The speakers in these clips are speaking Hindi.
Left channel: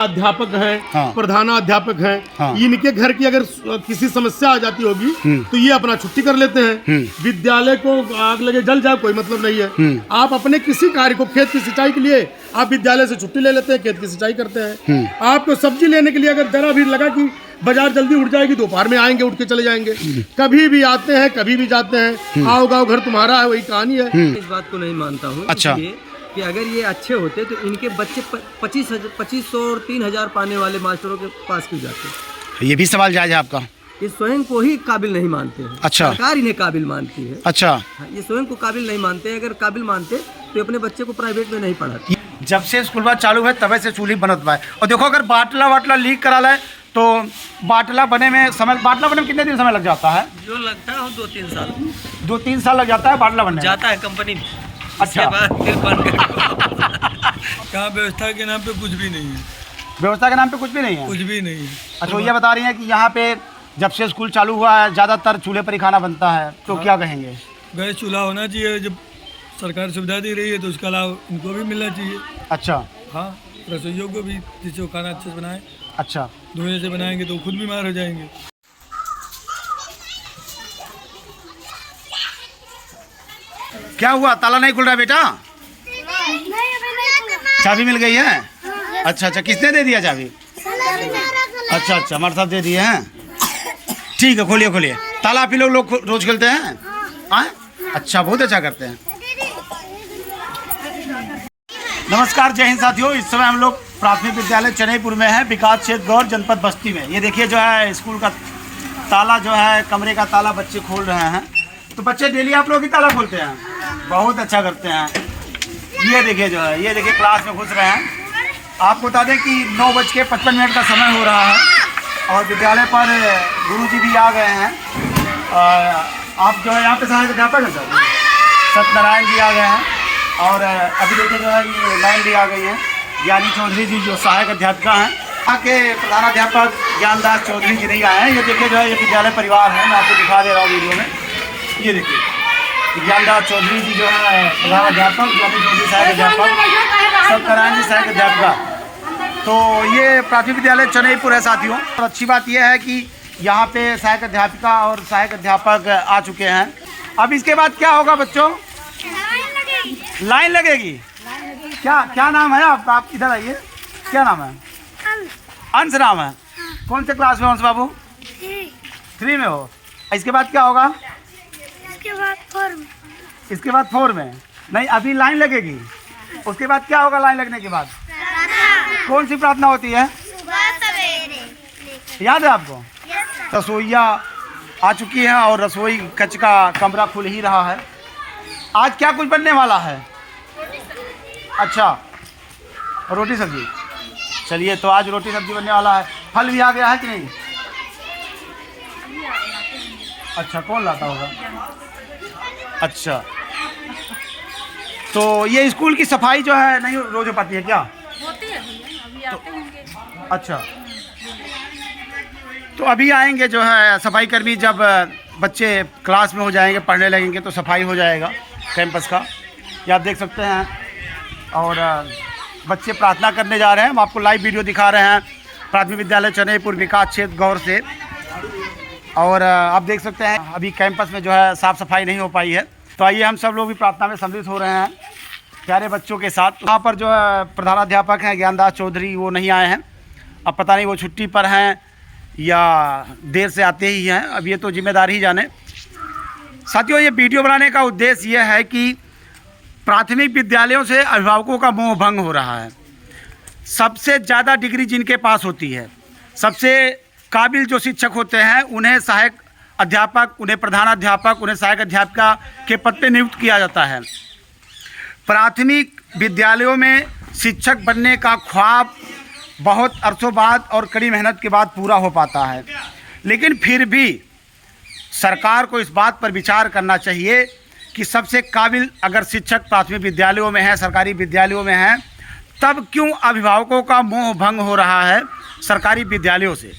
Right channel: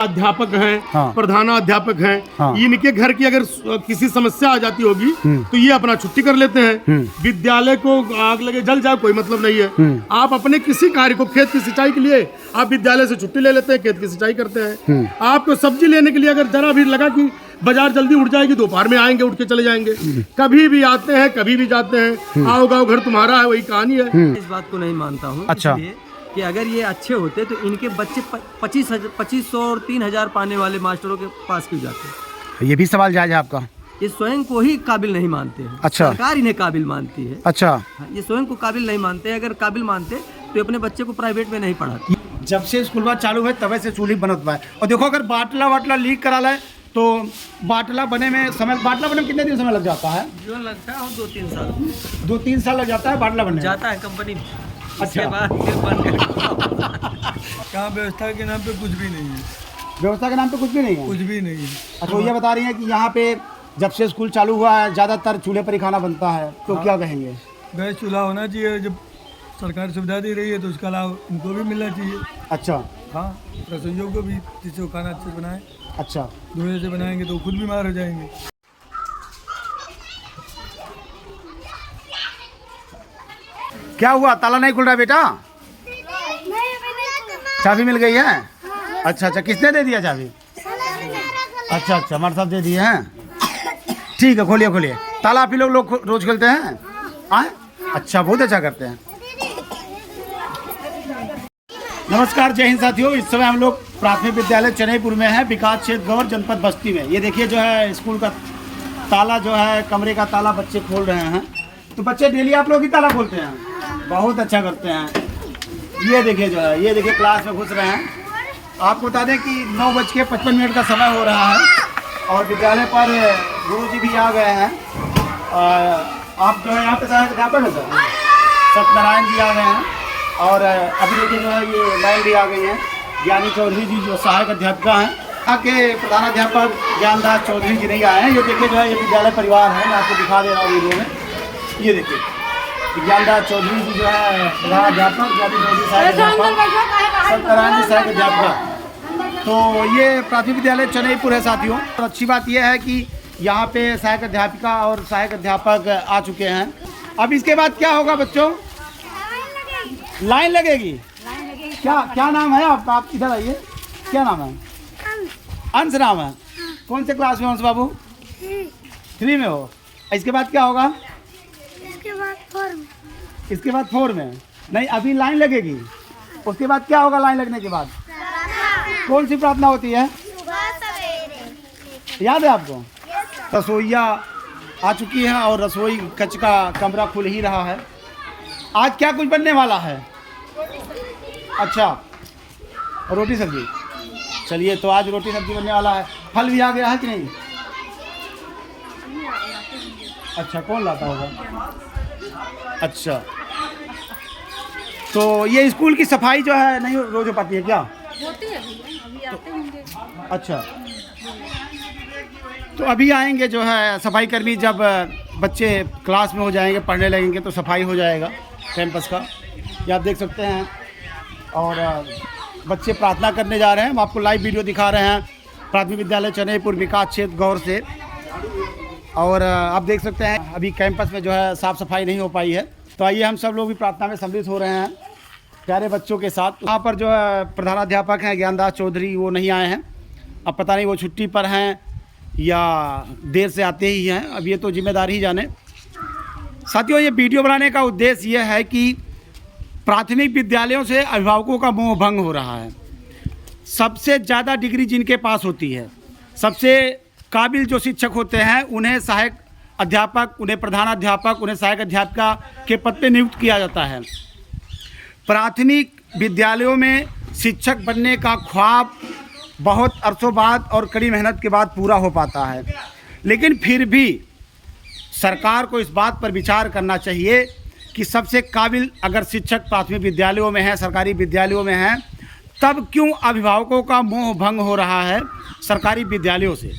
अध्यापक हैं, हाँ। प्रधानाध्यापक हैं, हाँ। इनके घर की अगर किसी समस्या आ जाती होगी तो ये अपना छुट्टी कर लेते हैं। विद्यालय को आग लगे जल जाए कोई मतलब नहीं है। आप अपने किसी कार्य को, खेत की सिंचाई के लिए आप विद्यालय से छुट्टी ले लेते हैं, खेत की सिंचाई करते हैं। आपको सब्जी लेने के लिए अगर जरा भी लगा कि बाजार जल्दी उठ जाएगी, दोपहर में आएंगे, उठ के चले जाएंगे। कभी भी आते हैं, कभी भी जाते हैं। आओ गाओ घर तुम्हारा है, वही कहानी है। इस बात को नहीं मानता हूँ। अच्छा। कि अगर ये अच्छे होते तो इनके बच्चे 2500 और 3000 पाने वाले मास्टरों के पास क्यों जाते? ये भी सवाल जायज है आपका। ये स्वयं को ही काबिल नहीं मानते हैं। अच्छा। सरकार इन्हें काबिल मानती है। अच्छा। ये स्वयं को काबिल नहीं मानते। अगर काबिल मानते तो अपने बच्चे को प्राइवेट में नहीं पढ़ाते। जब से स्कूल चालू है तब से चूल्ही बनत पाए। और देखो अगर बाटला वाटला लीक करा लाए तो बाटला बनने में कितने दिन समय लग जाता है? जो लगता है 2-3 साल। 2-3 साल लग जाता है बाटला बनने जाता है कंपनी में। अच्छा। यहाँ व्यवस्था के नाम पे कुछ भी नहीं है। व्यवस्था के नाम पे कुछ भी नहीं है? कुछ भी नहीं है। अच्छा, ये बता रही हैं कि यहाँ पे जब से स्कूल चालू हुआ है ज़्यादातर चूल्हे पर ही खाना बनता है, तो क्या कहेंगे? गैस चूल्हा होना चाहिए। जब सरकार सुविधा दे रही है तो उसका लाभ इनको भी मिलना चाहिए। अच्छा। हाँ, रसोइयों को भी, जिससे वो खाना अच्छे से बनाए। अच्छा। धुएं से बनाएंगे तो खुद बीमार हो जाएंगे। क्या हुआ, ताला नहीं खुल रहा बेटा? चाबी मिल गई है? अच्छा अच्छा, किसने दे दिया चाबी? अच्छा अच्छा, हमारे साथ दे दिए हैं। ठीक है, खोलिए खोलिए। ताला आप ही लोग रोज खेलते हैं? हाँ, अच्छा, बहुत अच्छा करते हैं। नमस्कार, जय हिंद साथियों। इस समय हम लोग प्राथमिक विद्यालय चनईपुर में हैं, विकास क्षेत्र गौर जनपद बस्ती में। ये देखिए जो है स्कूल का ताला, जो है कमरे का ताला बच्चे खोल रहे हैं। तो बच्चे डेली आप लोग ही ताला खोलते हैं? बहुत अच्छा करते हैं। ये देखिए जो है, ये देखिए क्लास में घुस रहे हैं। आपको बता दें कि 9:55 का समय हो रहा है और विद्यालय पर गुरुजी भी आ गए हैं। आप जो है यहाँ पे सहायक अध्यापक है सर, सत्यनारायण जी आ गए हैं। और अभी देखिए जो है ये मैम भी आ गई हैं, ज्ञानी चौधरी जी जो सहायक अध्यापिका हैं। यहाँ के प्रधानाध्यापक ज्ञानदास चौधरी जी नहीं आए हैं। ये देखिए जो है ये विद्यालय परिवार है, मैं आपको दिखा दे रहा हूँ वीडियो में। ये देखिए ज्ञानदास चौधरी जी जो है प्रधानाध्यापक, ज्ञानी चौधरी सहायक अध्यापक, सत्यनारायण जी सहायक अध्यापिका। तो ये प्राथमिक विद्यालय चनईपुर है साथियों। तो अच्छी बात यह है कि यहाँ पे सहायक अध्यापिका और सहायक अध्यापक आ चुके हैं। अब इसके बाद क्या होगा बच्चों? लाइन लगेगी। क्या नाम है आपका? आप इधर आइए। क्या नाम है? अंश नाम है। कौन से क्लास में अंश बाबू? 3 में हो। इसके बाद क्या होगा? इसके बाद 4 में। इसके बाद 4 में नहीं, अभी लाइन लगेगी। उसके बाद क्या होगा? लाइन लगने के बाद कौन सी प्रार्थना होती है? सुबह सवेरे। याद है आपको? रसोईया आ चुकी है और रसोई कच का कमरा खुल ही रहा है। आज क्या कुछ बनने वाला है? अच्छा, रोटी सब्जी। चलिए, तो आज रोटी सब्जी बनने वाला है। फल भी आ गया है कि नहीं? अच्छा, कौन लाता होगा? अच्छा, तो ये स्कूल की सफाई जो है नहीं रोज हो पाती है क्या? होती है भैया, अभी आते होंगे। अच्छा, तो अभी आएंगे जो है सफाई कर्मी। जब बच्चे क्लास में हो जाएंगे, पढ़ने लगेंगे, तो सफाई हो जाएगा कैंपस का। ये आप देख सकते हैं। और बच्चे प्रार्थना करने जा रहे हैं। हम आपको लाइव वीडियो दिखा रहे हैं प्राथमिक विद्यालय चनईपुर विकास क्षेत्र गौर से। और आप देख सकते हैं अभी कैंपस में जो है साफ़ सफाई नहीं हो पाई है। तो आइए हम सब लोग भी प्रार्थना में सम्मिलित हो रहे हैं प्यारे बच्चों के साथ। यहाँ पर जो है प्रधानाध्यापक हैं ज्ञानदास चौधरी, वो नहीं आए हैं। अब पता नहीं वो छुट्टी पर हैं या देर से आते ही हैं, अब ये तो जिम्मेदारी ही जाने। साथियों, ये वीडियो बनाने का उद्देश्य ये है कि प्राथमिक विद्यालयों से अभिभावकों का मोह भंग हो रहा है। सबसे ज़्यादा डिग्री जिनके पास होती है, सबसे काबिल जो शिक्षक होते हैं, उन्हें सहायक अध्यापक, उन्हें प्रधानाध्यापक, उन्हें सहायक अध्यापिका के पद पर नियुक्त किया जाता है। प्राथमिक विद्यालयों में शिक्षक बनने का ख्वाब बहुत अरसों बाद और कड़ी मेहनत के बाद पूरा हो पाता है। लेकिन फिर भी सरकार को इस बात पर विचार करना चाहिए कि सबसे काबिल अगर शिक्षक प्राथमिक विद्यालयों में हैं, सरकारी विद्यालयों में हैं, तब क्यों अभिभावकों का मोह भंग हो रहा है सरकारी विद्यालयों से?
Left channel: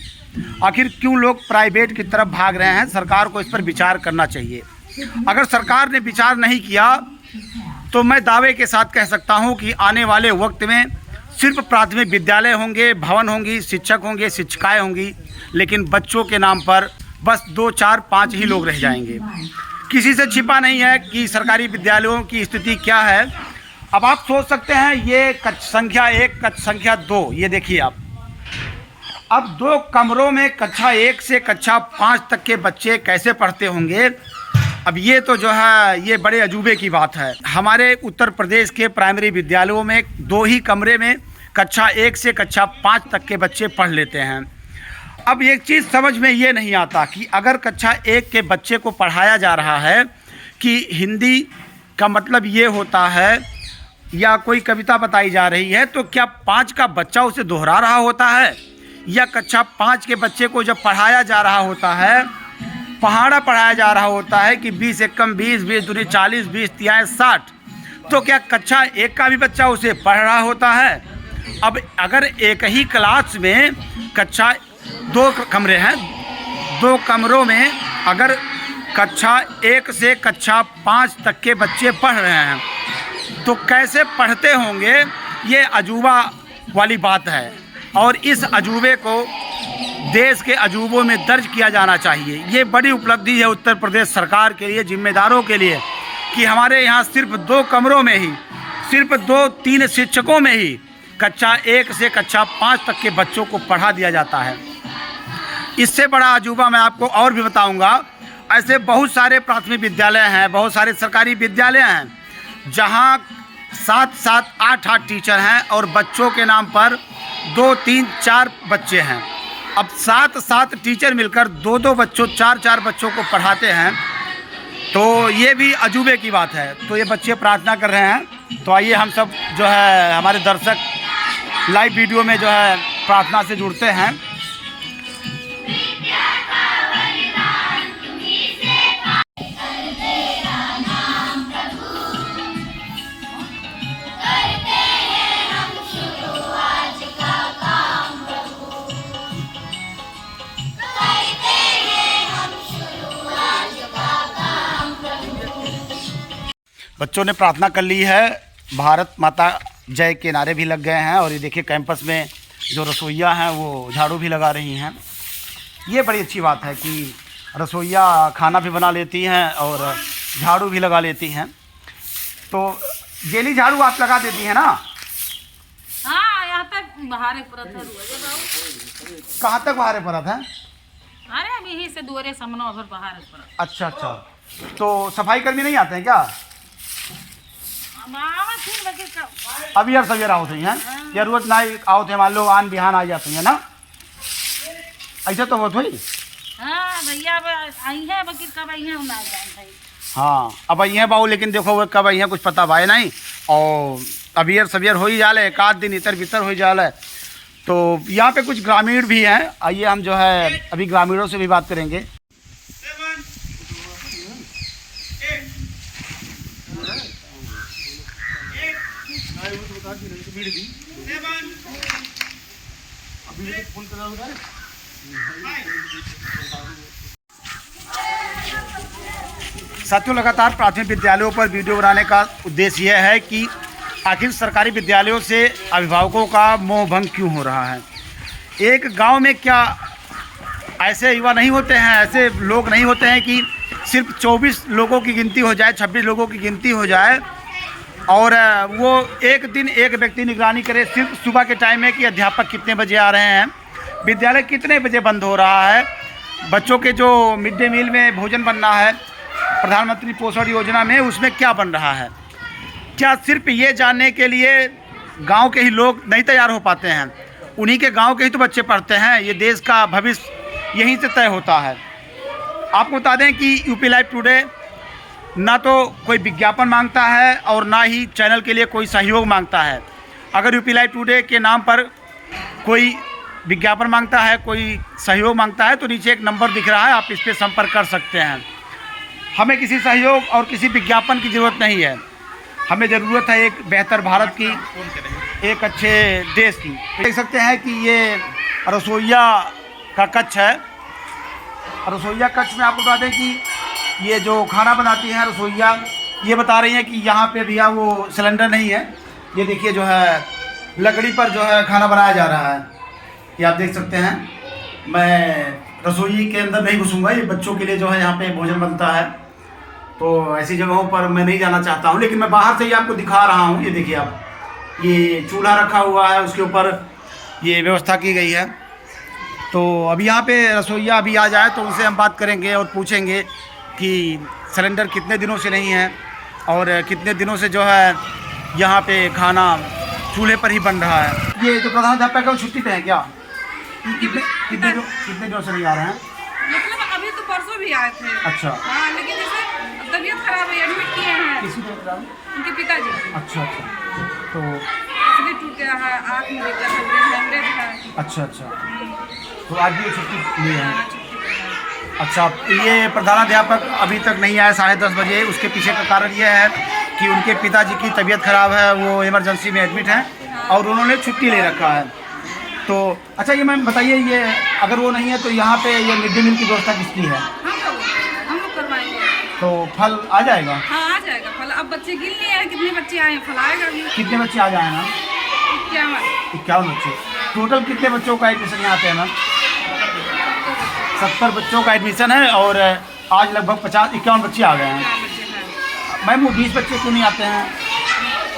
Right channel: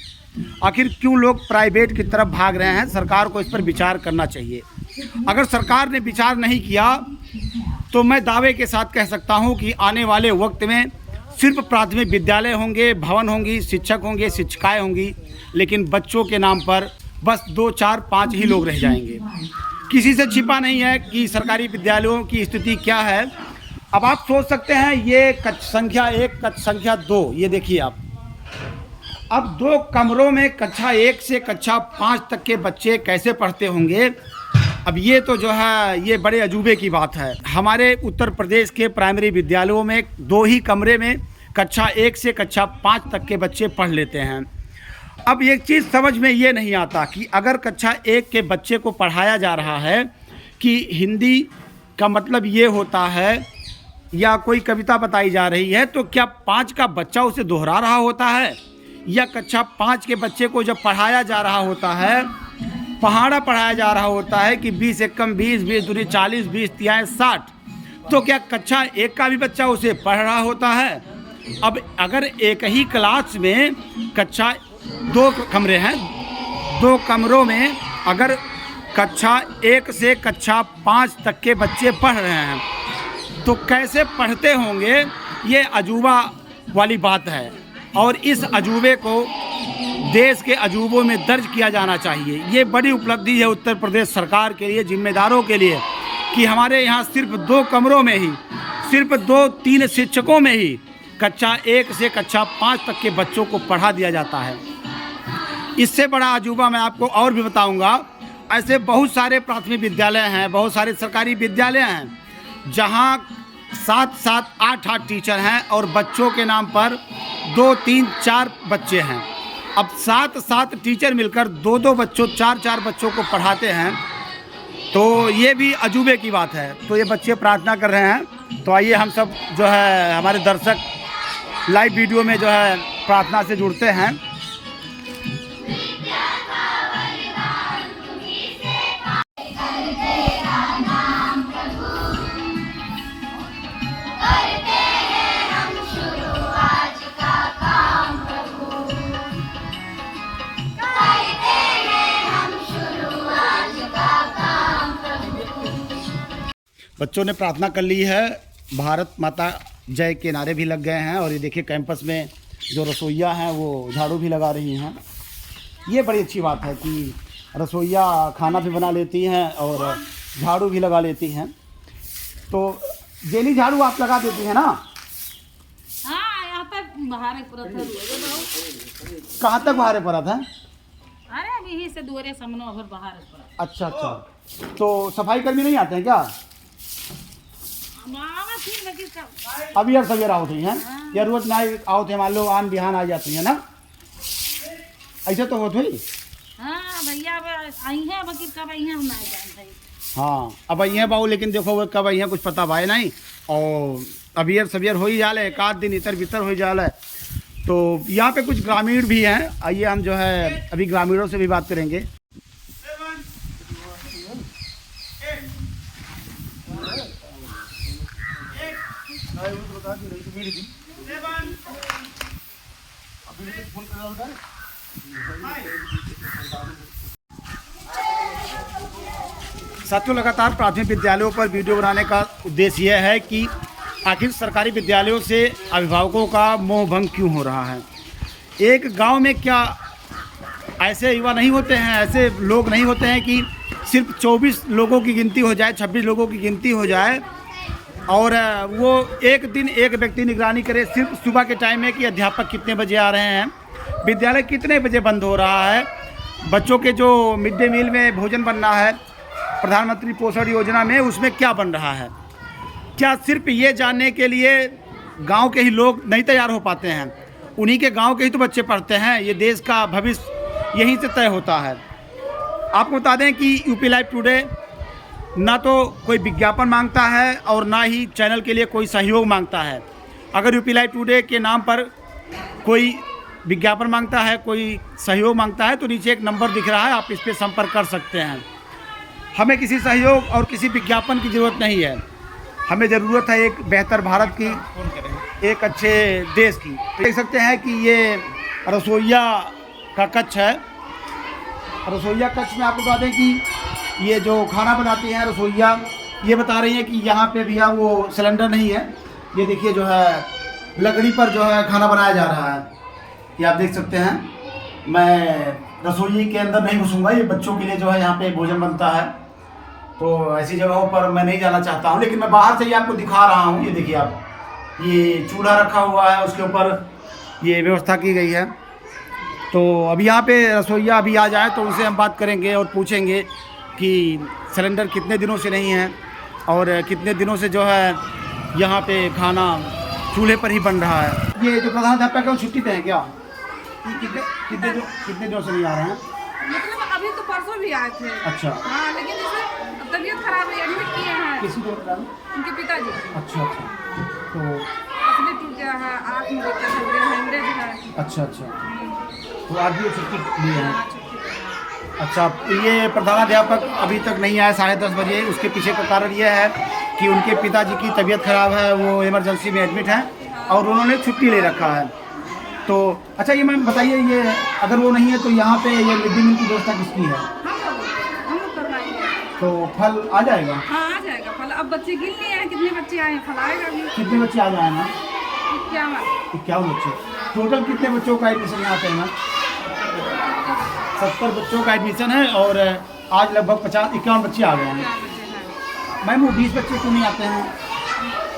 आखिर क्यों लोग प्राइवेट की तरफ भाग रहे हैं? सरकार को इस पर विचार करना चाहिए। अगर सरकार ने विचार नहीं किया तो मैं दावे के साथ कह सकता हूं कि आने वाले वक्त में सिर्फ प्राथमिक विद्यालय होंगे, भवन होंगी, शिक्षक होंगे, शिक्षिकाएँ होंगी, लेकिन बच्चों के नाम पर बस 2, 4, 5 ही लोग रह जाएंगे। किसी से छिपा नहीं है कि सरकारी विद्यालयों की स्थिति क्या है। अब आप सोच सकते हैं ये कक्ष संख्या 1, कक्ष संख्या 2, ये देखिए आप, अब 2 कमरों में कक्षा 1 से कक्षा 5 तक के बच्चे कैसे पढ़ते होंगे। अब ये तो जो है ये बड़े अजूबे की बात है। हमारे उत्तर प्रदेश के प्राइमरी विद्यालयों में 2 ही कमरे में कक्षा 1 से कक्षा 5 तक के बच्चे पढ़ लेते हैं। अब एक चीज़ समझ में ये नहीं आता कि अगर कक्षा 1 के बच्चे को पढ़ाया जा रहा है कि हिंदी का मतलब ये होता है या कोई कविता बताई जा रही है, तो क्या 5 का बच्चा उसे दोहरा रहा होता है, या कक्षा 5 के बच्चे को जब पढ़ाया जा रहा होता है, पहाड़ा पढ़ाया जा रहा होता है कि 20 एकम 20, 20 दूनी 40, 20 तिहाई 60, तो क्या कक्षा 1 का भी बच्चा उसे पढ़ रहा होता है। अब अगर एक ही क्लास में कक्षा 2 कमरे हैं, 2 कमरों में अगर कक्षा 1 से कक्षा 5 तक के बच्चे पढ़ रहे हैं तो कैसे पढ़ते होंगे, ये अजूबा वाली बात है। और इस अजूबे को देश के अजूबों में दर्ज किया जाना चाहिए। ये बड़ी उपलब्धि है उत्तर प्रदेश सरकार के लिए, जिम्मेदारों के लिए, कि हमारे यहाँ सिर्फ 2 कमरों में ही, सिर्फ 2-3 शिक्षकों में ही कक्षा 1 से कक्षा 5 तक के बच्चों को पढ़ा दिया जाता है। इससे बड़ा अजूबा मैं आपको और भी बताऊंगा। ऐसे बहुत सारे प्राथमिक विद्यालय हैं, बहुत सारे सरकारी विद्यालय हैं जहां 7-7, 8-8 टीचर हैं और बच्चों के नाम पर 2, 3, 4 बच्चे हैं। अब 7-7 टीचर मिलकर 2-2 बच्चों, 4-4 बच्चों को पढ़ाते हैं, तो ये भी अजूबे की बात है। तो ये बच्चे प्रार्थना कर रहे हैं, तो आइए हम सब जो है हमारे दर्शक लाइव वीडियो में जो है प्रार्थना से जुड़ते हैं। बच्चों ने प्रार्थना कर ली है, भारत माता जय के नारे भी लग गए हैं, और ये देखिए कैंपस में जो रसोइया हैं वो झाड़ू भी लगा रही हैं। ये बड़ी अच्छी बात है कि रसोइया खाना भी बना लेती हैं और झाड़ू भी लगा लेती हैं। तो जेली झाड़ू आप लगा देती हैं ना? हाँ, यहाँ तक बहारे परत है। कहाँ तक बहारे परत है? अरे अब यहीं से दूरे समनो भर बहारे परत। अच्छा अच्छा, तो सफाई कर्मी नहीं आते हैं क्या? अभी यार सवेरा आओ थे हैं, जरूरत ना आओ थे, मान लो आन बिहान आ जाती है ना, ऐसे तो होत हुई। हाँ भैया आई है, बकीर कब आई है हम ना जान। हाँ अब आई हैं बाबू, लेकिन देखो वो कब आई हैं कुछ पता भाई नहीं, और अभी यार सवेर हो ही जाले, 1 दिन इतर भीतर हो जाले। तो यहाँ पे कुछ ग्रामीण भी हैं, आइए हम जो है अभी ग्रामीणों से भी बात करेंगे। साथियों, लगातार प्राथमिक विद्यालयों पर वीडियो बनाने का उद्देश्य यह है कि आखिर सरकारी विद्यालयों से अभिभावकों का मोह भंग क्यों हो रहा है। एक गांव में क्या ऐसे युवा नहीं होते हैं, ऐसे लोग नहीं होते हैं कि सिर्फ 24 लोगों की गिनती हो जाए, 26 लोगों की गिनती हो जाए और वो एक दिन एक व्यक्ति निगरानी करे सिर्फ सुबह के टाइम में कि अध्यापक कितने बजे आ रहे हैं, विद्यालय कितने बजे बंद हो रहा है, बच्चों के जो मिड डे मील में भोजन बनना है प्रधानमंत्री पोषण योजना में उसमें क्या बन रहा है। क्या सिर्फ ये जानने के लिए गांव के ही लोग नहीं तैयार हो पाते हैं? उन्हीं के गांव के ही तो बच्चे पढ़ते हैं। ये देश का भविष्य यहीं से तय होता है। आपको बता दें कि यूपी लाइव टुडे ना तो कोई विज्ञापन मांगता है और ना ही चैनल के लिए कोई सहयोग मांगता है। अगर यूपी लाइव टुडे के नाम पर कोई विज्ञापन मांगता है, कोई सहयोग मांगता है, तो नीचे एक नंबर दिख रहा है, आप इस पर संपर्क कर सकते हैं। हमें किसी सहयोग और किसी विज्ञापन की ज़रूरत नहीं है। हमें ज़रूरत है एक बेहतर भारत की, एक अच्छे देश की। देख सकते हैं कि ये रसोइया का कक्ष है। रसोइया कक्ष में आपको बता दें कि ये जो खाना बनाती हैं रसोइया, ये बता रही हैं कि यहाँ पे भैया वो सिलेंडर नहीं है। ये देखिए जो है लकड़ी पर जो है खाना बनाया जा रहा है। ये आप देख सकते हैं। मैं रसोई के अंदर नहीं घुसूंगा, ये बच्चों के लिए जो है यहाँ पे भोजन बनता है, तो ऐसी जगहों पर मैं नहीं जाना चाहता हूँ, लेकिन मैं बाहर से ही आपको दिखा रहा हूँ। ये देखिए आप, ये चूल्हा रखा हुआ है, उसके ऊपर ये व्यवस्था की गई है। तो अभी यहाँ पे रसोइया अभी आ जाए तो उनसे हम बात करेंगे और पूछेंगे कि सिलेंडर कितने दिनों से नहीं है और कितने दिनों से जो है यहाँ पे खाना चूल्हे पर ही बन रहा है। ये जो प्रधानाध्यापक है वो छुट्टी पे हैं क्या? कितने दिनों से नहीं आ रहे हैं? मतलब अभी तो परसों भी आए थे। अच्छा। हाँ, लेकिन जैसे तबीयत खराब है, एडमिट किए हैं। किसी को बता रहे? उनके पिताजी। अच्छा। तो इसलिए टूट गया है, आँख में दिक्कत है, हेमरेज है। अच्छा। तो आज भी ये छुट्टी ली है। अच्छा, ये प्रधानाध्यापक अभी तक नहीं आए 10:30 बजे। उसके पीछे का कारण ये है कि उनके पिताजी की तबीयत खराब है, वो इमरजेंसी में एडमिट हैं और उन्होंने छुट्टी ले रखा है। तो अच्छा, ये मैम बताइए, ये अगर वो नहीं है तो यहाँ पे ये मिड डे मील की व्यवस्था किसकी है? हम लोग करवाएंगे। तो फल आ जाएगा? हाँ, आ जाएगा फल। अब बच्चे गिन लिए हैं कितने बच्चे आए हैं, फल आएगा भी। कितने बच्चे आ जाए मैम? 51 बच्चे। टोटल कितने बच्चों का एडमिशन यहाँ पे है मैम? 70 बच्चों का एडमिशन है और आज लगभग 51 बच्चे आ गए हैं। मैम, वो 20 बच्चे क्यों नहीं आते हैं?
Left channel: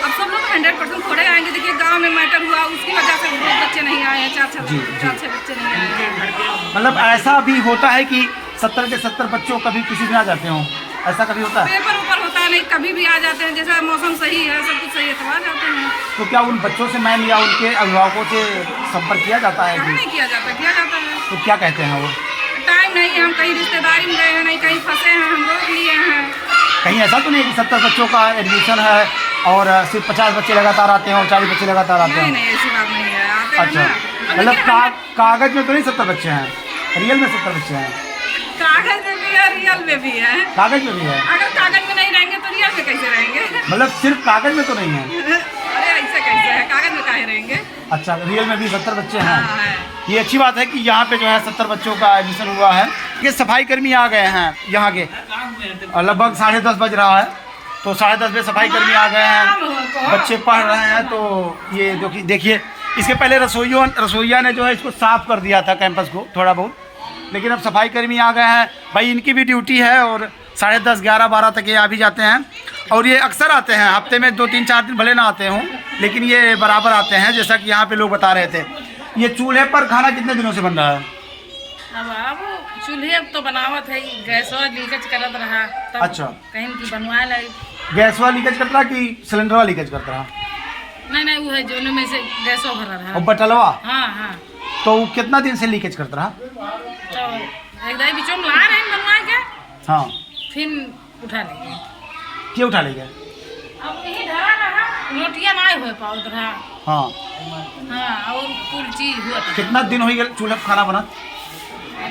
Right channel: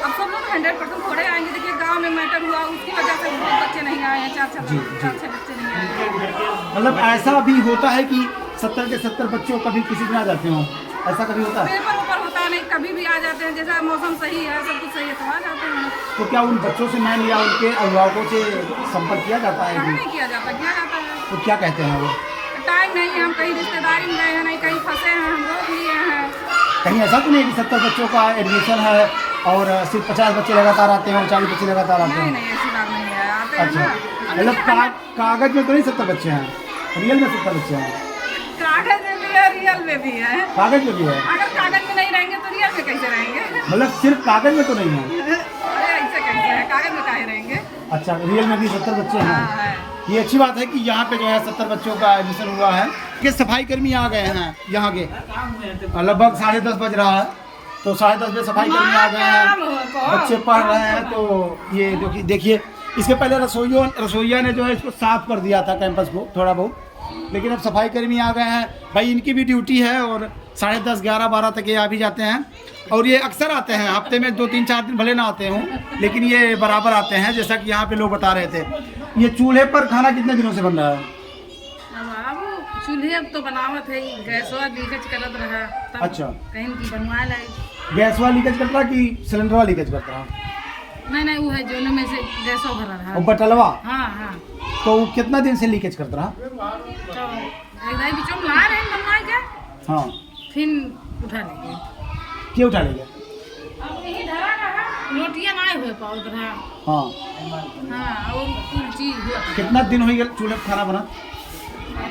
अब सब लोग 100% थोड़े आएंगे। देखिए, गांव में मैटर हुआ, उसकी वजह से बहुत बच्चे नहीं आए हैं। 4-6 बच्चे नहीं आए हैं। मतलब ऐसा भी होता है कि 70 के 70 बच्चों कभी किसी दिन आ जाते हों, ऐसा कभी होता है? पेपर ऊपर होता नहीं, कभी भी आ जाते हैं। जैसा मौसम सही है, सब कुछ सही है तो आ जाते हैं। तो क्या उन बच्चों से मैम या उनके अभिभावकों से संपर्क किया जाता है? नहीं किया जाता है। तो क्या कहते हैं वो? टाइम नहीं है, हम कहीं रिश्तेदारी में गए हैं, नहीं कहीं फंसे हैं, हम रोक लिए हैं। कहीं ऐसा तो नहीं कि 70 बच्चों का एडमिशन है और सिर्फ 50 बच्चे लगातार आते हैं और 40 बच्चे लगातार आते हैं? नहीं, ऐसी बात नहीं है, आते हैं अच्छा, ना। मतलब कागज में तो नहीं 70 बच्चे हैं, रियल में 70 बच्चे हैं? कागज में भी है, रियल में भी है। कागज में भी है? अगर कागज में नहीं रहेंगे तो रियल में कैसे रहेंगे? मतलब सिर्फ कागज में तो नहीं है? अरे ऐसे कैसे है, कागज में काहे रहेंगे? अच्छा, रियल में भी 70 बच्चे हैं। हाँ, है। ये अच्छी बात है कि यहाँ पे जो है 70 बच्चों का एडमिशन हुआ है। कि सफाई कर्मी आ गए हैं यहाँ के, लगभग 10:30 बज रहा है, तो 10:30 बजे सफाई कर्मी आ गए हैं, बच्चे पढ़ रहे हैं। तो ये जो कि देखिए, इसके पहले रसोइया ने जो है इसको साफ़ कर दिया था कैंपस को थोड़ा बहुत, लेकिन अब सफाई कर्मी आ गए हैं। भाई, इनकी भी ड्यूटी है और 10:30, 11, 12 तक ये आ भी जाते हैं और ये अक्सर आते हैं। हफ्ते में 2-3-4 दिन भले ना आते हों, लेकिन ये बराबर आते हैं, जैसा कि यहाँ पे लोग बता रहे थे। ये चूल्हे पर खाना कितने दिनों से बन रहा है? अब बाबू चूल्हे अब तो बनावत है, गैसवा लीकेज करत रहा तब अच्छा। कहीं की बनवा लाई। गैसवा लीकेज करता रहा कि सिलेंडरवा लीकेज करता रहा? नहीं, वो है जो में से गैसवा भरा रहा। और बटलवा? हाँ। तो वो कितना दिन से लीकेज करता रहा? तो एक दाई बीचों में ला रहे हैं बनवा के, हाँ, फिर उठा लेंगे। क्यों उठा लेंगे? अब यही धरा रहा, रोटियां ना हुए पाउत रहा। हाँ, और कुल चीज हुआ था। कितना दिन हो गया चूल्हे पर खाना बना?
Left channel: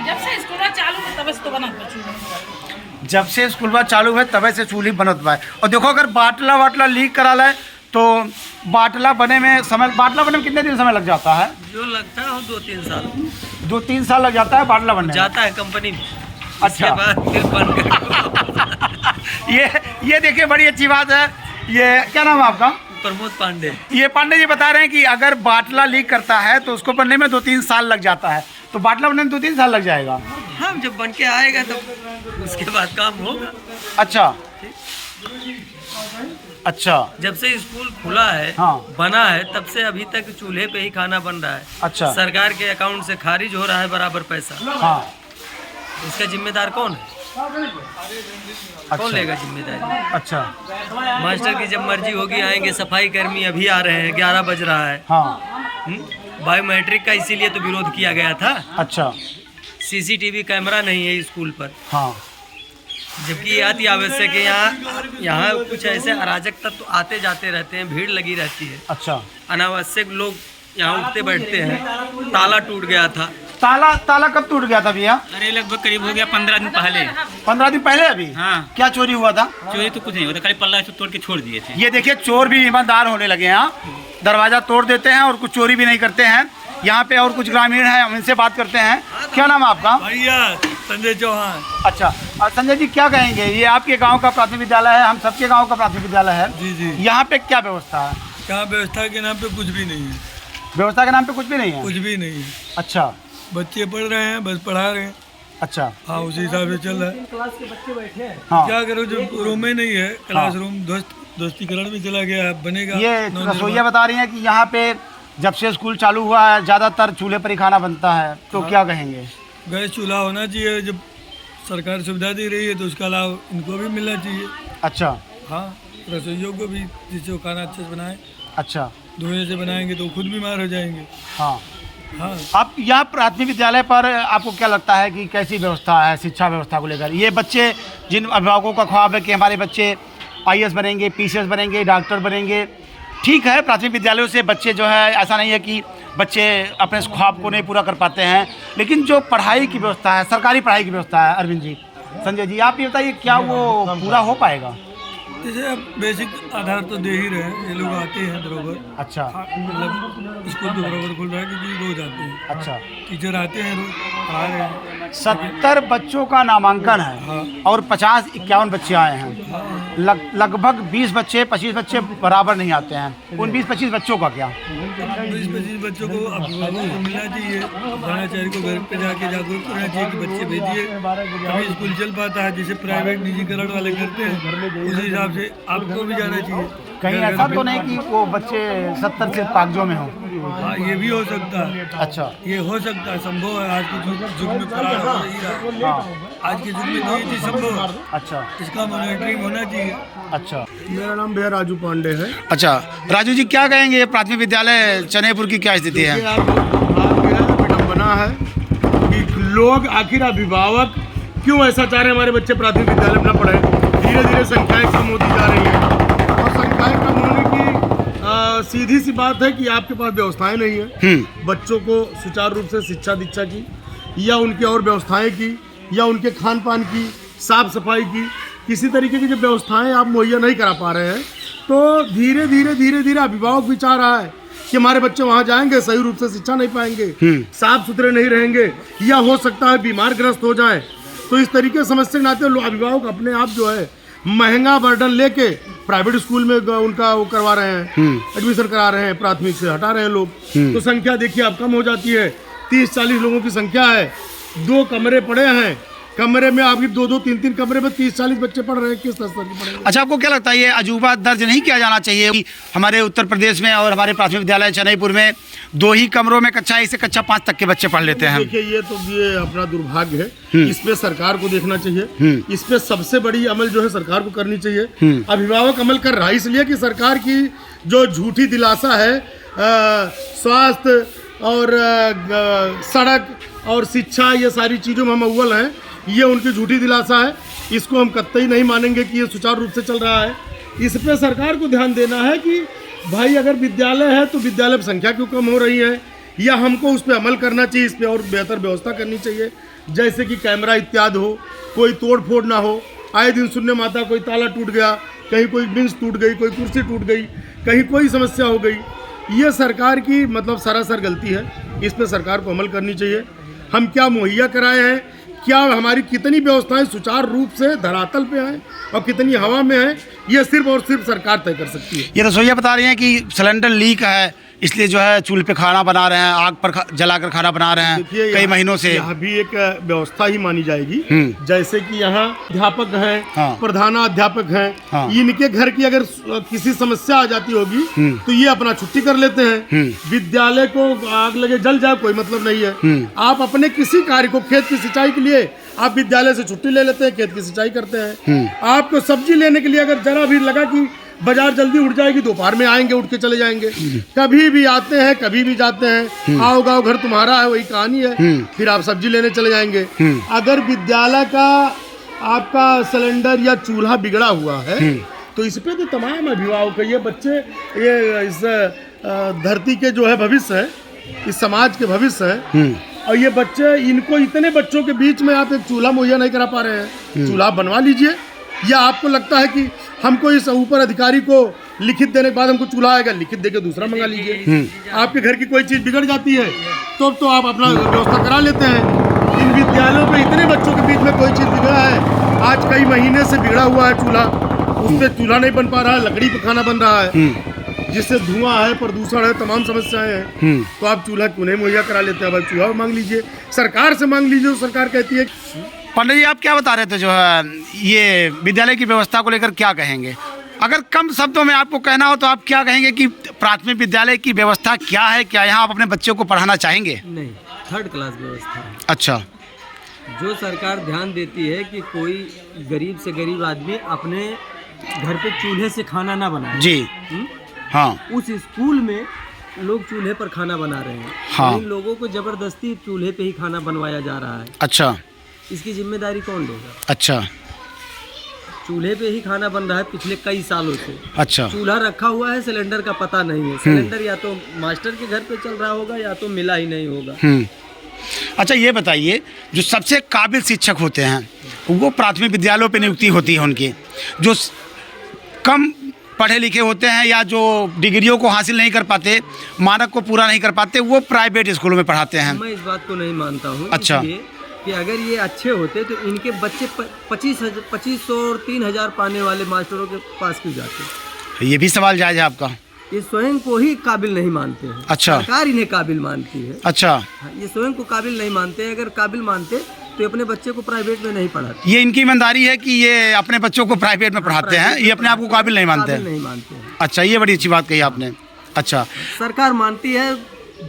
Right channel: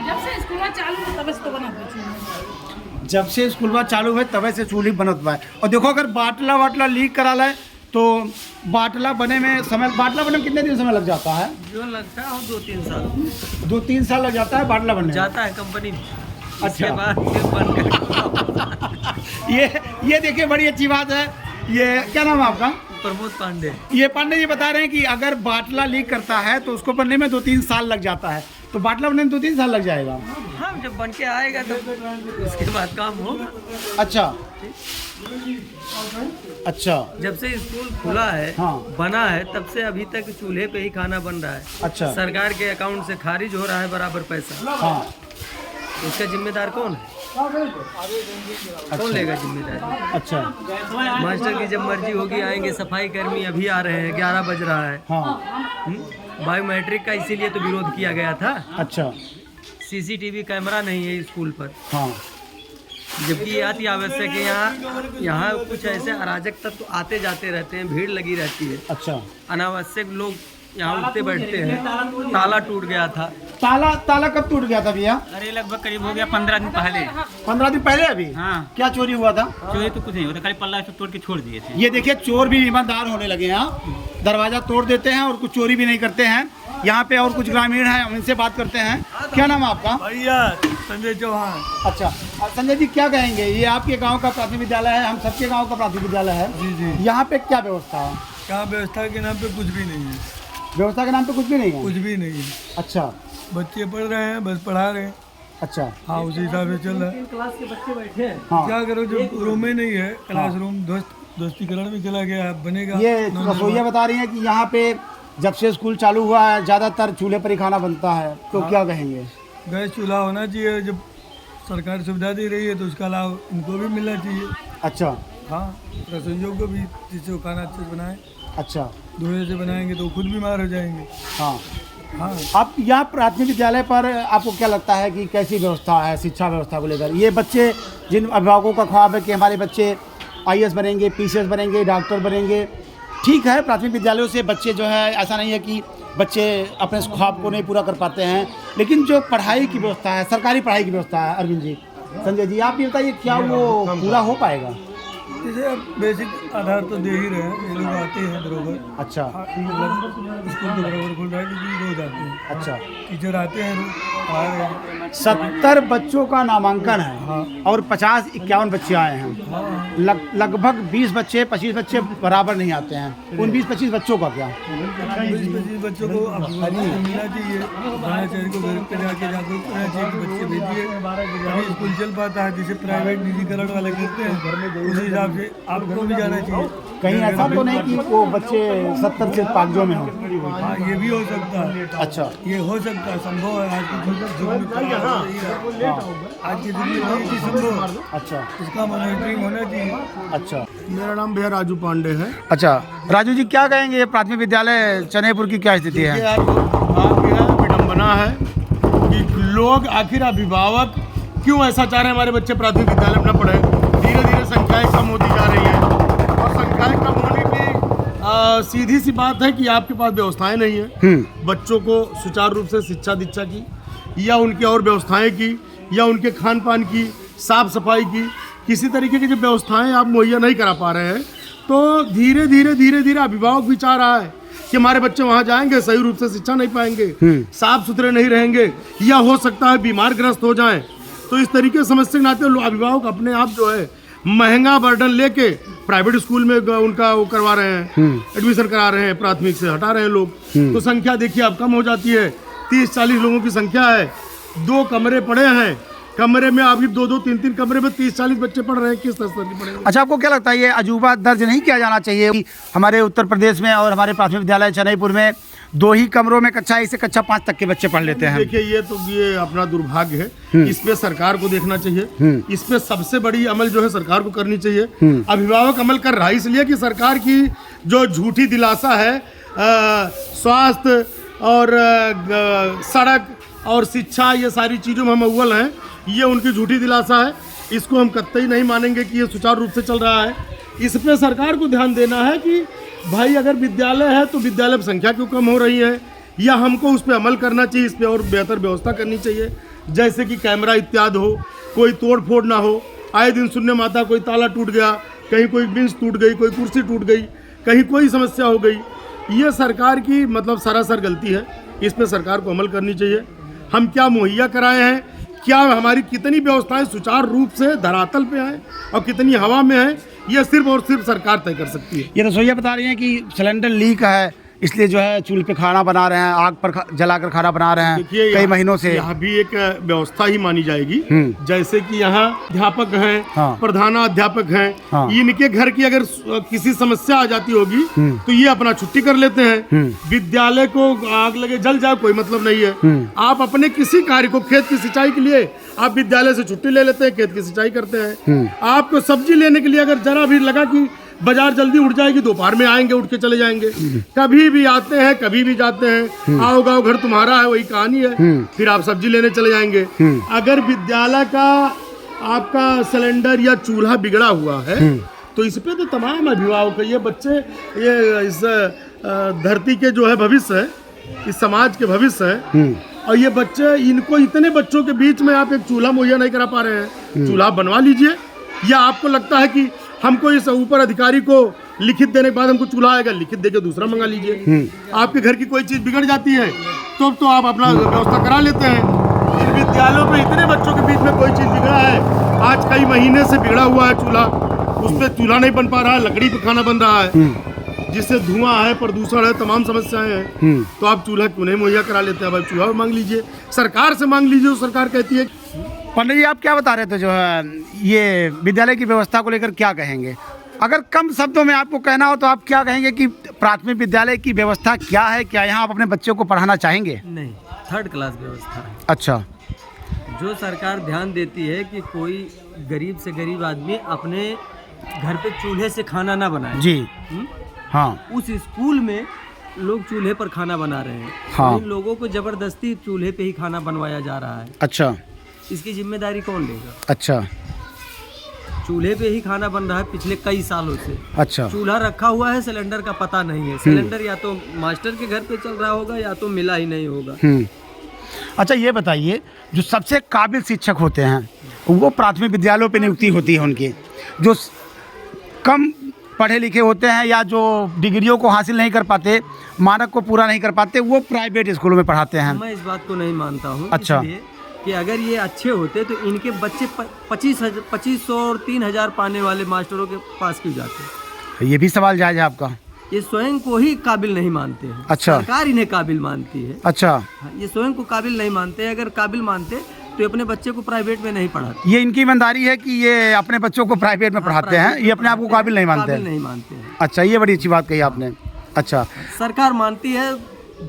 जब से स्कूल चालू है तब से तो बना चूल्हा। जब से स्कूल चालू है तब से चूल्ही बनत बा। और देखो, अगर बाटला लीक करा लाए तो बाटला बनने में कितने दिन समय लग जाता है? जो लगता है 2-3 साल 2-3 साल लग जाता है बाटला बनने में? जाता है कंपनी में। अच्छा। इसके बाद फिर बन गया। ये देखिए, बड़ी अच्छी बात है। ये क्या नाम है आपका? प्रमोद पांडे। ये पांडे जी बता रहे हैं कि अगर बाटला लीक करता है तो उसको बनने में 2-3 साल लग जाता है, तो बाटला बनने में 2-3 साल लग जाएगा। हाँ, जब बन के आएगा तो उसके बाद काम होगा। अच्छा। जब से स्कूल खुला है, हाँ, बना है, तब से अभी तक चूल्हे पे ही खाना बन रहा है। अच्छा। सरकार के अकाउंट से खारिज हो रहा है बराबर पैसा। हाँ, इसका जिम्मेदार कौन है? कौन लेगा जिम्मेदारी? अच्छा। मास्टर की जब मर्जी होगी आएंगे। सफाई कर्मी अभी आ रहे हैं, 11 बज रहा है। हाँ। बायोमेट्रिक का इसीलिए तो विरोध किया गया था। अच्छा। सीसीटीवी कैमरा नहीं है स्कूल पर। हाँ। जबकि ये अति आवश्यक है। यहाँ कुछ ऐसे अराजक तत्व आते जाते रहते हैं, भीड़ लगी रहती है। अच्छा। अनावश्यक लोग यहाँ उठते बैठते हैं। ताला टूट गया था। ताला कब टूट गया था भैया? अरे लगभग करीब हो गया 15 दिन पहले। 15 दिन पहले? अभी? हाँ। क्या चोरी हुआ था? चोरी तो कुछ नहीं होता, खाली पल्ला तोड़ के छोड़ दिए थे। ये देखिए, चोर भी ईमानदार होने लगे हैं। दरवाजा तोड़ देते हैं और कुछ चोरी भी नहीं करते हैं। यहाँ पे और कुछ ग्रामीण हैं, हम इनसे बात करते हैं। क्या नाम है आपका? भैया संजय चौहान। अच्छा, संजय जी क्या कहेंगे? ये आपके गांव का प्राथमिक विद्यालय है, हम सबके गांव का प्राथमिक विद्यालय है। जी। यहाँ पे क्या व्यवस्था है? यहाँ व्यवस्था के नाम पे कुछ भी नहीं है, व्यवस्था के नाम पे कुछ भी नहीं है। कुछ भी नहीं है। अच्छा बच्चे पढ़ रहे हैं, बस पढ़ा रहे हैं। अच्छा हाँ, उसी हिसाब से चल रहा है। क्लास के बच्चे बैठे हैं। हाँ क्या करो, जो रूम में नहीं है, क्लासरूम दोस्तीकरण में चला गया है, बनेगा। ये रसोइया बता रही हैं कि यहाँ पे जब से स्कूल चालू हुआ है ज़्यादातर चूल्हे पर ही खाना बनता है, तो क्या कहेंगे? गैस चूल्हा होना चाहिए। जब सरकार सुविधा दे रही है तो उसका लाभ इनको भी मिलना चाहिए। अच्छा हाँ, रसोइयों को भी, जिससे वो खाना अच्छे से बनाए। अच्छा धुएं से बनाएंगे तो खुद बीमार हो जाएंगे। हाँ। हाँ, आप यहाँ प्राथमिक विद्यालय पर आपको क्या लगता है कि कैसी व्यवस्था है शिक्षा व्यवस्था को लेकर? ये बच्चे, जिन अभिभावकों का ख्वाब है कि हमारे बच्चे IAS बनेंगे, PCS बनेंगे, डॉक्टर बनेंगे, ठीक है, प्राथमिक विद्यालयों से बच्चे जो है, ऐसा नहीं है कि बच्चे अपने ख्वाब को नहीं पूरा कर पाते हैं, लेकिन जो पढ़ाई की व्यवस्था है, सरकारी पढ़ाई की व्यवस्था है, अरविंद जी, संजय जी, आप ये बताइए क्या वो पूरा हो पाएगा? जैसे अब बेसिक आधार तो दे ही रहे हैं, ये लोग आते हैं बरोबर। अच्छा मतलब स्कूल तो बरोबर खुल रहा है क्योंकि रोज आते हैं। अच्छा, टीचर आते हैं, रोज आ रहे हैं। 70 बच्चों का नामांकन है और 50-51 बच्चे आए हैं। लगभग 20 बच्चे 25 बच्चे बराबर नहीं आते हैं। उन 20-25 बच्चों का क्या? 20-25 बच्चों को अभिभावकों को मिलना चाहिए, प्राचार्य को घर पे जाके जागरूक करना चाहिए कि बच्चे भेजिए, तभी स्कूल चल पाता है। जैसे प्राइवेट निजीकरण वाले करते हैं, उसी हिसाब से आपको भी जाना चाहिए। कहीं ऐसा तो नहीं कि वो बच्चे 70 से कागजों में हों? हाँ, ये भी हो सकता है। अच्छा, ये हो सकता है, संभव है। आज के युग में पढ़ा रही है, आज के युग में तो ये चीज संभव है। अच्छा, इसका मॉनिटरिंग होना चाहिए। अच्छा। मेरा नाम भैया राजू पांडे है। अच्छा, राजू जी, क्या कहेंगे प्राथमिक विद्यालय चनेपुर की क्या स्थिति है? आप यह विडम्बना है कि लोग, आखिर अभिभावक क्यों ऐसा चाह रहे हैं हमारे बच्चे प्राथमिक विद्यालय में न पढ़े। धीरे धीरे संख्याएं कम होती जा रही है, और संख्याएं कम होने की सीधी सी बात है कि आपके पास व्यवस्थाएं नहीं है बच्चों को सुचारू रूप से शिक्षा दीक्षा की, या उनकी और व्यवस्थाएं की, या उनके खान पान की, साफ सफाई की, किसी तरीके की जो व्यवस्थाएं आप मुहैया नहीं करा पा रहे हैं, तो धीरे धीरे अभिभावक भी चाह रहा है कि हमारे बच्चे वहाँ जाएंगे, सही रूप से शिक्षा नहीं पाएंगे, साफ सुथरे नहीं रहेंगे, या हो सकता है बीमार ग्रस्त हो जाएं। तो इस तरीके से समझते नाते अभिभावक अपने आप जो है महंगा बर्डन लेके प्राइवेट स्कूल में उनका वो करवा रहे हैं, एडमिशन करा रहे हैं, प्राथमिक से हटा रहे हैं लोग। तो संख्या देखिए अब कम हो जाती है। 30-40 लोगों की संख्या है, 2 कमरे पड़े हैं, कमरे में आपकी 2-2, 3-3 कमरे में 30-40 बच्चे पढ़ रहे हैं, किस स्तर के पढ़ेंगे? अच्छा, आपको क्या लगता है ये अजूबा दर्ज नहीं किया जाना चाहिए कि हमारे उत्तर प्रदेश में और हमारे प्राथमिक विद्यालय चेन्नईपुर में 2 ही कमरों में कक्षा 1 से कक्षा 5 तक के बच्चे पढ़ लेते हैं? देखिए, ये अपना दुर्भाग्य है, इस पे सरकार को देखना चाहिए। इस पे सबसे बड़ी अमल जो है सरकार को करनी चाहिए। अभिभावक अमल कर रहा है इसलिए कि सरकार की जो झूठी दिलासा है स्वास्थ्य और सड़क और शिक्षा, ये सारी चीज़ों में हम अव्वल हैं, ये उनकी झूठी दिलासा है। इसको हम कतई नहीं मानेंगे कि ये सुचारू रूप से चल रहा है। इस पे सरकार को ध्यान देना है कि भाई अगर विद्यालय है तो विद्यालय की संख्या क्यों कम हो रही है, या हमको उस पर अमल करना चाहिए, इस पर और बेहतर व्यवस्था करनी चाहिए, जैसे कि कैमरा इत्यादि हो, कोई तोड़ फोड़ ना हो। आए दिन सुनने में आता कोई ताला टूट गया, कहीं कोई बेंच टूट गई, कोई कुर्सी टूट गई, कहीं कोई समस्या हो गई। ये सरकार की मतलब सरासर गलती है, इस पर सरकार को अमल करनी चाहिए। हम क्या मुहैया कराए हैं, क्या हमारी कितनी व्यवस्थाएं सुचारू रूप से धरातल पे हैं और कितनी हवा में है, ये सिर्फ और सिर्फ सरकार तय कर सकती है। ये रसोइया बता रही हैं कि सिलेंडर लीक है, इसलिए जो है चूल्हे पे खाना बना रहे हैं, आग पर जलाकर खाना बना रहे हैं कई महीनों से। यहाँ भी एक व्यवस्था ही मानी जाएगी, जैसे कि यहाँ अध्यापक हैं, प्रधानाध्यापक हैं, इनके घर की अगर किसी समस्या आ जाती होगी तो ये अपना छुट्टी कर लेते हैं। विद्यालय को आग लगे जल जाए कोई मतलब नहीं है। आप अपने किसी कार्य को, खेत की सिंचाई के लिए आप विद्यालय से छुट्टी ले लेते हैं, खेत की सिंचाई करते हैं। आपको सब्जी लेने के लिए अगर जरा भी लगा कि बाजार जल्दी उठ जाएगी, दोपहर में आएंगे, उठ के चले जाएंगे। कभी भी आते हैं, कभी भी जाते हैं, आओ गाँव घर तुम्हारा है, वही कहानी है। फिर आप सब्जी लेने चले जाएंगे। अगर विद्यालय का आपका सिलेंडर या चूल्हा बिगड़ा हुआ है तो इस पे तो तमाम अभिभावक है, ये बच्चे, ये इस धरती के जो है भविष्य है, इस समाज के भविष्य है, और ये बच्चे, इनको इतने बच्चों के बीच में आप एक चूल्हा मुहैया नहीं करा पा रहे हैं। चूल्हा बनवा लीजिए, या आपको लगता है कि हमको इस ऊपर अधिकारी को लिखित देने के बाद हमको चूल्हा आएगा, लिखित देके दूसरा मंगा लीजिए। आपके घर की कोई चीज़ बिगड़ जाती है तो आप अपना व्यवस्था करा लेते हैं। इन विद्यालयों पे इतने बच्चों के बीच में कोई चीज़ बिगड़ा है, आज कई महीने से बिगड़ा हुआ है चूल्हा, उस पर चूल्हा नहीं बन पा रहा है, लकड़ी पे खाना बन रहा है। जिससे धुआं है, प्रदूषण है, तमाम समस्याएं हैं, तो आप चूल्हा क्यों नहीं मुहैया करा लेते हैं? भाई चूल्हा मांग लीजिए, सरकार से मांग लीजिए। सरकार कहती है। पंडित जी, आप क्या बता रहे थे जो है ये विद्यालय की व्यवस्था को लेकर क्या कहेंगे? अगर कम शब्दों में आपको कहना हो तो आप क्या कहेंगे कि प्राथमिक विद्यालय की व्यवस्था क्या है? क्या यहाँ आप अपने बच्चों को पढ़ाना चाहेंगे? नहीं, थर्ड क्लास व्यवस्था है। अच्छा। जो सरकार ध्यान देती है कि कोई गरीब से गरीब आदमी अपने घर पे चूल्हे से खाना ना बनाए। जी। हाँ। उस स्कूल में लोग चूल्हे पर खाना बना रहे हैं। हाँ। इन लोगों को जबरदस्ती चूल्हे पे ही खाना बनवाया जा रहा है। अच्छा। इसकी जिम्मेदारी कौन लेगा? अच्छा। चूल्हे पे ही खाना बन रहा है पिछले कई सालों से। अच्छा। चूल्हा रखा हुआ है, सिलेंडर का पता नहीं है। सिलेंडर या तो मास्टर के घर पे चल रहा होगा या तो मिला ही नहीं होगा। अच्छा, ये बताइए, जो सबसे काबिल शिक्षक होते हैं वो प्राथमिक विद्यालयों पे नियुक्ति होती है उनकी, जो कम पढ़े लिखे होते हैं या जो डिग्रियों को हासिल नहीं कर पाते, मानक को पूरा नहीं कर पाते, वो प्राइवेट स्कूलों में पढ़ाते हैं। मैं इस बात को नहीं मानता हूँ। अच्छा। कि अगर ये अच्छे होते तो इनके बच्चे 2500 और 3000 पाने वाले मास्टरों के पास क्यों जाते? ये भी सवाल जायज़ है आपका। ये स्वयं को ही काबिल नहीं मानते हैं। अच्छा। सरकार इन्हें काबिल मानती है। अच्छा। ये स्वयं को काबिल नहीं मानते। अगर काबिल मानते तो अपने बच्चे को प्राइवेट में नहीं पढ़ाते। ये इनकी ईमानदारी है कि ये अपने बच्चों को प्राइवेट में पढ़ाते हैं, ये अपने आप को काबिल नहीं मानते नहीं मानते हैं। अच्छा, ये बड़ी अच्छी बात कही आपने। अच्छा। सरकार मानती है,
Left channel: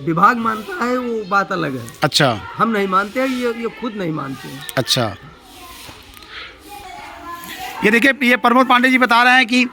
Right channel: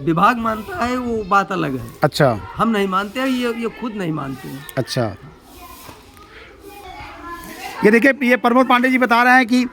विभाग मानता है, वो बात अलग है। अच्छा। हम नहीं मानते हैं, ये खुद नहीं मानते हैं। अच्छा। ये देखिए, ये प्रमोद पांडे जी बता रहे हैं कि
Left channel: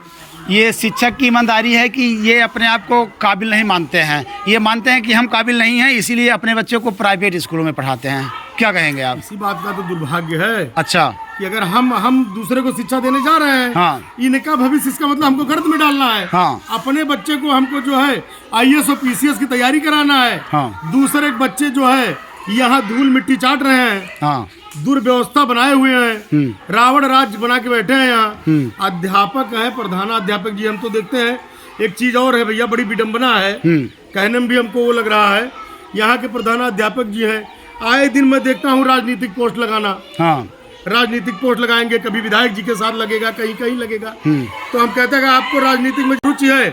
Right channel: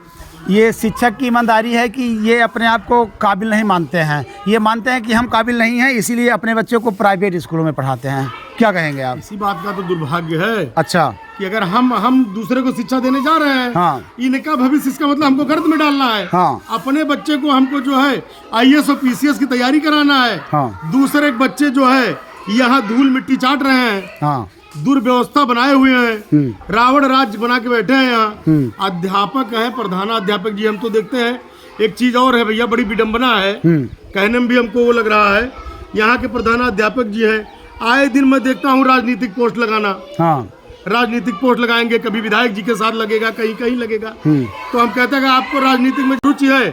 ये शिक्षक की ईमानदारी है कि ये अपने आप को काबिल नहीं मानते हैं। ये मानते हैं कि हम काबिल नहीं हैं, इसीलिए अपने बच्चों को प्राइवेट स्कूलों में पढ़ाते हैं। क्या कहेंगे आप? इसी बात का तो दुर्भाग्य है। अच्छा। कि अगर हम दूसरे को शिक्षा देने जा रहे हैं, हाँ। इनका भविष्य, इसका मतलब हमको गर्द में डालना है। हाँ। अपने बच्चे को हमको जो है IAS और PCS की तैयारी कराना है। हाँ। दूसरे बच्चे जो है यहाँ धूल मिट्टी चाट रहे हैं। हाँ। दुर्व्यवस्था बनाए हुए हैं, रावण राज्य बना के बैठे हैं यहाँ। अध्यापक है, प्रधानाध्यापक जी, हम तो देखते हैं। एक चीज और है भैया, बड़ी विडम्बना है, कहने में भी हमको वो लग रहा है। यहाँ के प्रधानाध्यापक जी हैं, आए दिन मैं देखता हूँ राजनीतिक पोस्ट लगाना। हाँ। राजनीतिक पोस्ट लगाएंगे, कभी विधायक जी के साथ लगेगा, कहीं कहीं लगेगा। तो हम कहते हैं कि आपको राजनीतिक में रुचि है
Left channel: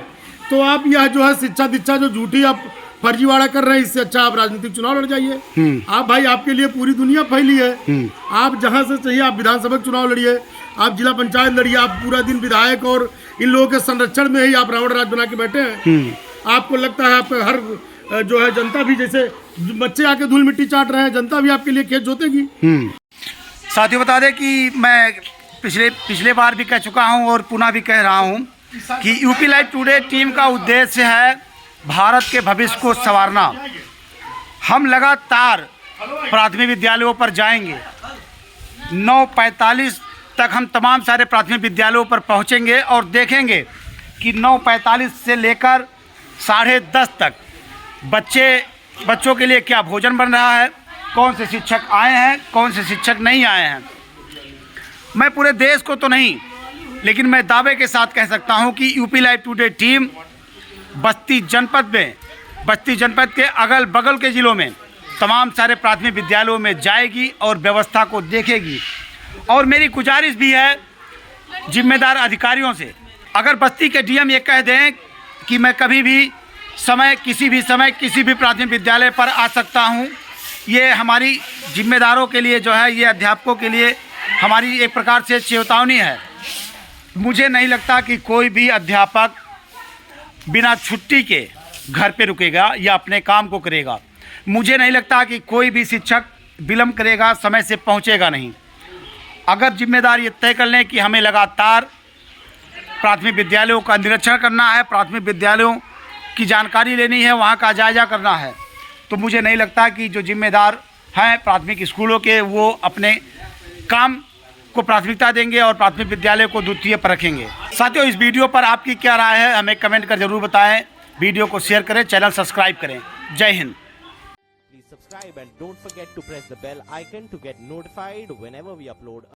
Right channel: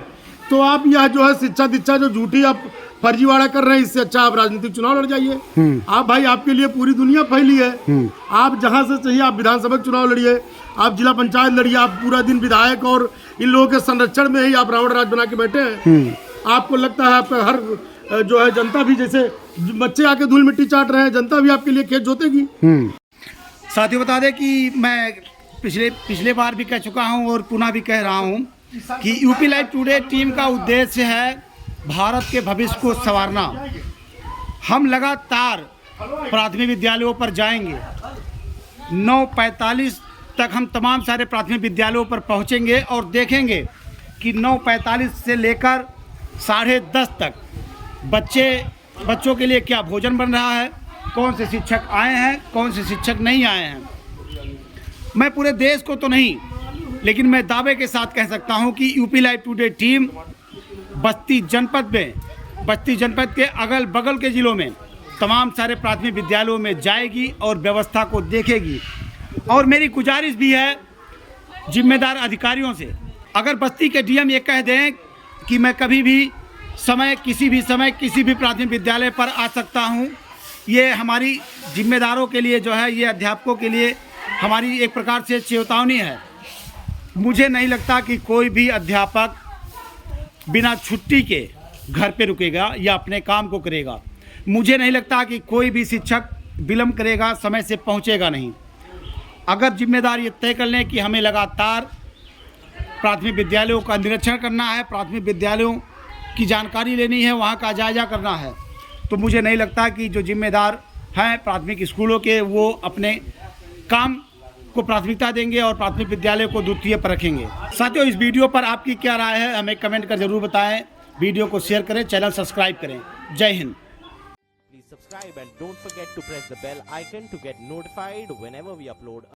तो आप यह जो है शिक्षा दीक्षा जो झूठी आप फर्जीवाड़ा कर रहे हैं, इससे अच्छा आप राजनीतिक चुनाव लड़ जाइए। आप भाई, आपके लिए पूरी दुनिया फैली है। आप जहां से चाहिए आप विधानसभा चुनाव लड़िए, आप जिला पंचायत लड़िए, आप पूरा दिन विधायक और इन लोगों के संरक्षण में ही आप रावण राज बना के बैठे हैं। आपको लगता है आपका हर जो है जनता भी, जैसे बच्चे आके धूल मिट्टी चाट रहे हैं, जनता भी आपके लिए खेत जोतेगी। साथियों, बता दें कि मैं पिछले बार भी कह चुका हूं और पुनः भी कह रहा हूं कि यूपी लाइव टुडे टीम का उद्देश्य है भारत के भविष्य को संवारना। हम लगातार प्राथमिक विद्यालयों पर जाएंगे। 9:45 तक हम तमाम सारे प्राथमिक विद्यालयों पर पहुंचेंगे और देखेंगे कि 9:45 से लेकर 10:30 तक बच्चों के लिए क्या भोजन बन रहा है, कौन से शिक्षक आए हैं, कौन से शिक्षक नहीं आए हैं। मैं पूरे देश को तो नहीं, लेकिन मैं दावे के साथ कह सकता हूं कि यूपी लाइव टुडे टीम बस्ती जनपद के अगल बगल के ज़िलों में तमाम सारे प्राथमिक विद्यालयों में जाएगी और व्यवस्था को देखेगी। और मेरी गुजारिश भी है जिम्मेदार अधिकारियों से, अगर बस्ती के DM ये कह दें कि मैं कभी भी किसी भी प्राथमिक विद्यालय पर आ सकता हूं, ये हमारी जिम्मेदारों के लिए जो है, ये अध्यापकों के लिए हमारी एक प्रकार से चेतावनी है। मुझे नहीं लगता कि कोई भी अध्यापक बिना छुट्टी के घर पे रुकेगा या अपने काम को करेगा। मुझे नहीं लगता कि कोई भी शिक्षक विलम्ब करेगा, समय से पहुंचेगा नहीं। अगर जिम्मेदार ये तय कर लें कि हमें लगातार प्राथमिक विद्यालयों का निरीक्षण करना है, प्राथमिक विद्यालयों की जानकारी लेनी है, वहाँ का जायजा करना है, तो मुझे नहीं लगता कि जो जिम्मेदार हैं प्राथमिक स्कूलों के, वो अपने काम को प्राथमिकता देंगे और प्राथमिक विद्यालय को द्वितीय पर रखेंगे। साथियों, इस वीडियो पर आपकी क्या राय है हमें कमेंट कर जरूर बताएं। वीडियो को शेयर करें, चैनल सब्सक्राइब करें। जय Hind. Please subscribe and don't forget to press the bell icon to get notified whenever we upload